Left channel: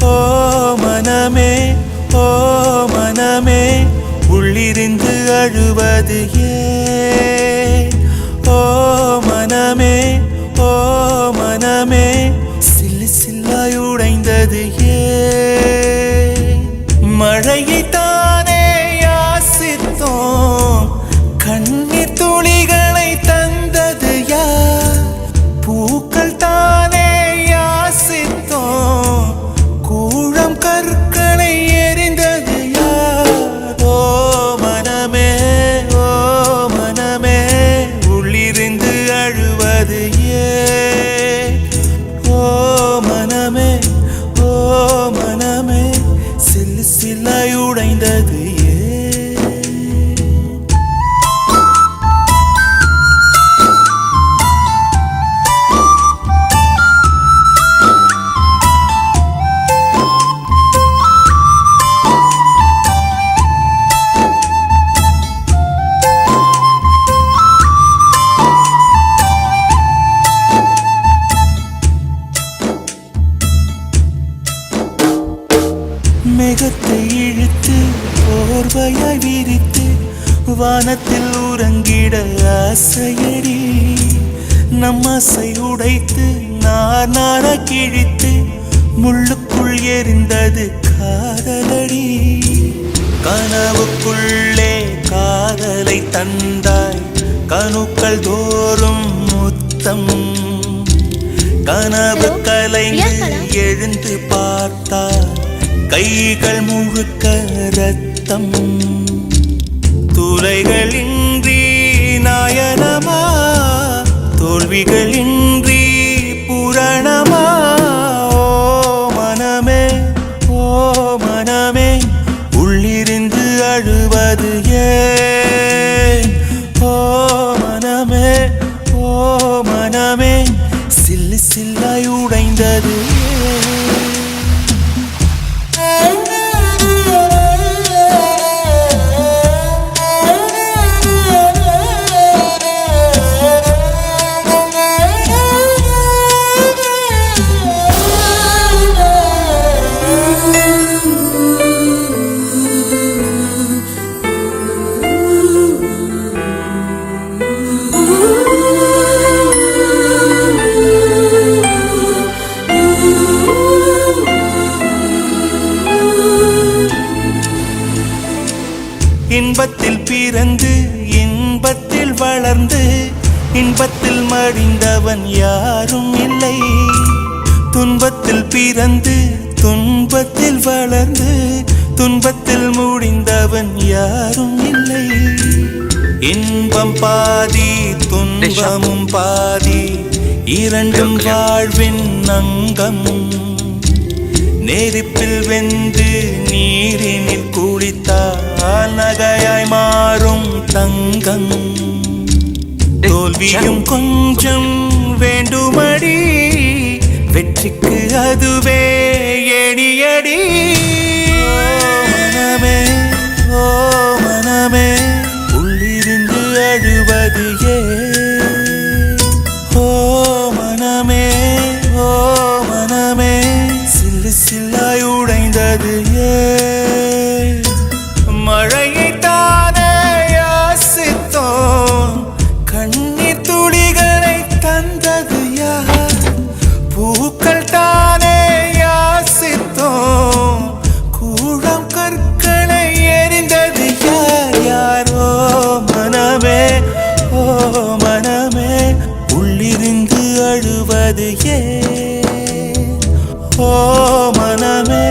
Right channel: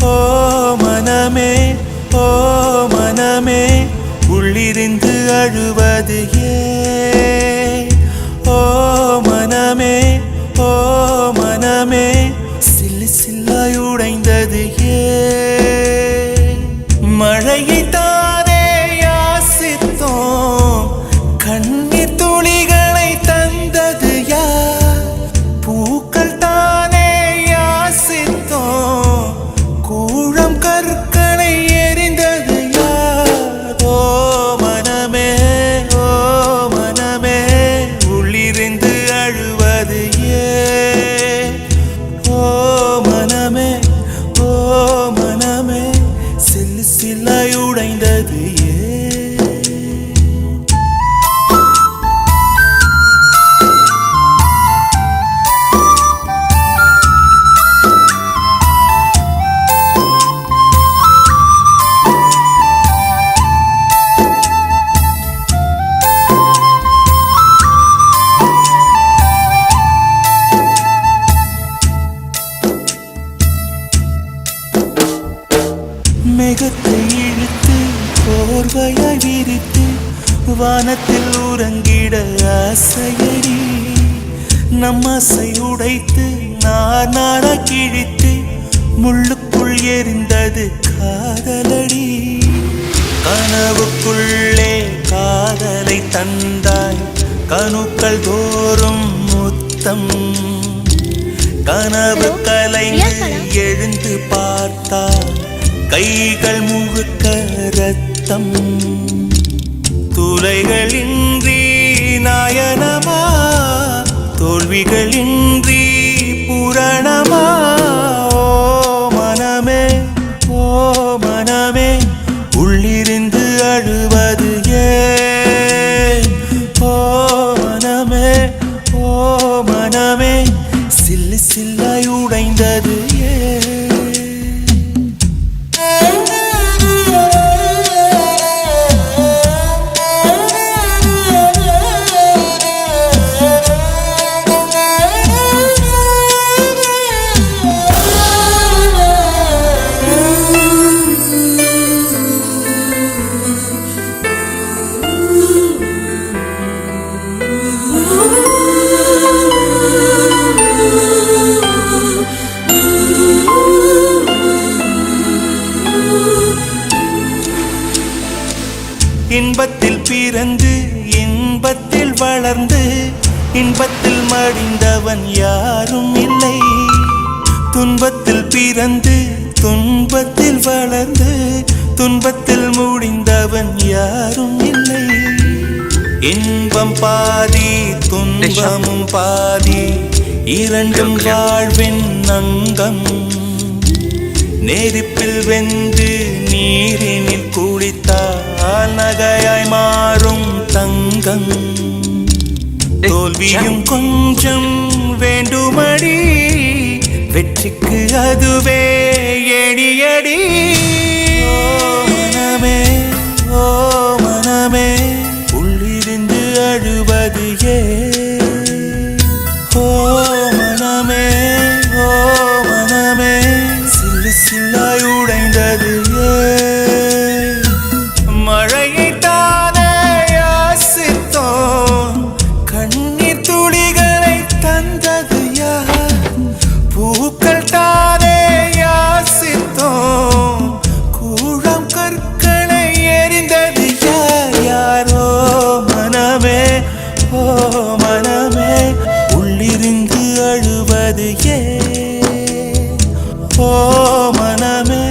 ஓ மனமே ஓ மனமே உள்ளிருந்து அழுவது ஏன் ஓ மனமே ஓ மனமே சில்லு சில்லாய் உடைந்தது ஏன் மழையை தானே யாசித்தோம் கண்ணீர் துளிகளை தந்தது யார் பூக்கள் தானே யாசித்தோம் கூழம் கற்களை எரிந்தது யார் ஓ மனமே உள்ளிருந்து அழுவது ஏன் ஓ மனமே சில்லு சில்லாய் உடைந்தது ஏன் மேகத்தை இழுத்து போர்வையாய் விரித்து வானத்தில் உறங்கிட ஆசையடி நம் ஆசை உடைத்து நாரா கிழித்து முள்ளுக்குள் எரிந்தது காதலடி கனவுக்குள்ளே காதலை தந்தாய் கணுக்கள் தோறும் முத்தம் கனவு கலைந்து எழுந்து பார்த்தார் கைகள் முழுக்க ரத்தம் துளைகளின்றி நாயனமா தோல்விகளின்றி புரணமா ஓ மனமே உள்ளிருந்து அழுவது ஏன் ஓ மனமே சில்லு சில்லாய் உடைந்தது ஏன் இன்பத்தில் பிறந்து இன்பத்தில் வளர்ந்து இன்பத்தில் மடிந்தவன் யாரும் இல்லை துன்பத்தில் பிறந்து துன்பத்தில் வளர்ந்து துன்பத்தில் முடிந்தவன் யாரும் இல்லை இன்பம் பாதி துன்பமும் பாதி இரண்டும் வாழ்வின் அங்கம் நெருப்பில் வெந்து நீரினில் குளித்தால் நகையாய் மாறும் தங்கம் தோல்வியும் கொஞ்சம் வேண்டுமடி வெற்றிக்கு அதுவே எடியடி ஓ மனமே உள்ளிருந்து அழுவது ஏன் ஓ மனமே சில்லு சில்லாய் உடைந்தது ஏன் மழையை தானே யாசித்தோம் கண்ணீர் துளிகளை தந்தது யார் பூக்கள் தானே யாசித்தோம் கூழம் கற்களை எரிந்தது யார் ஓ மனமே உள்ளிருந்து அழுவது ஏன் ஓ மனமே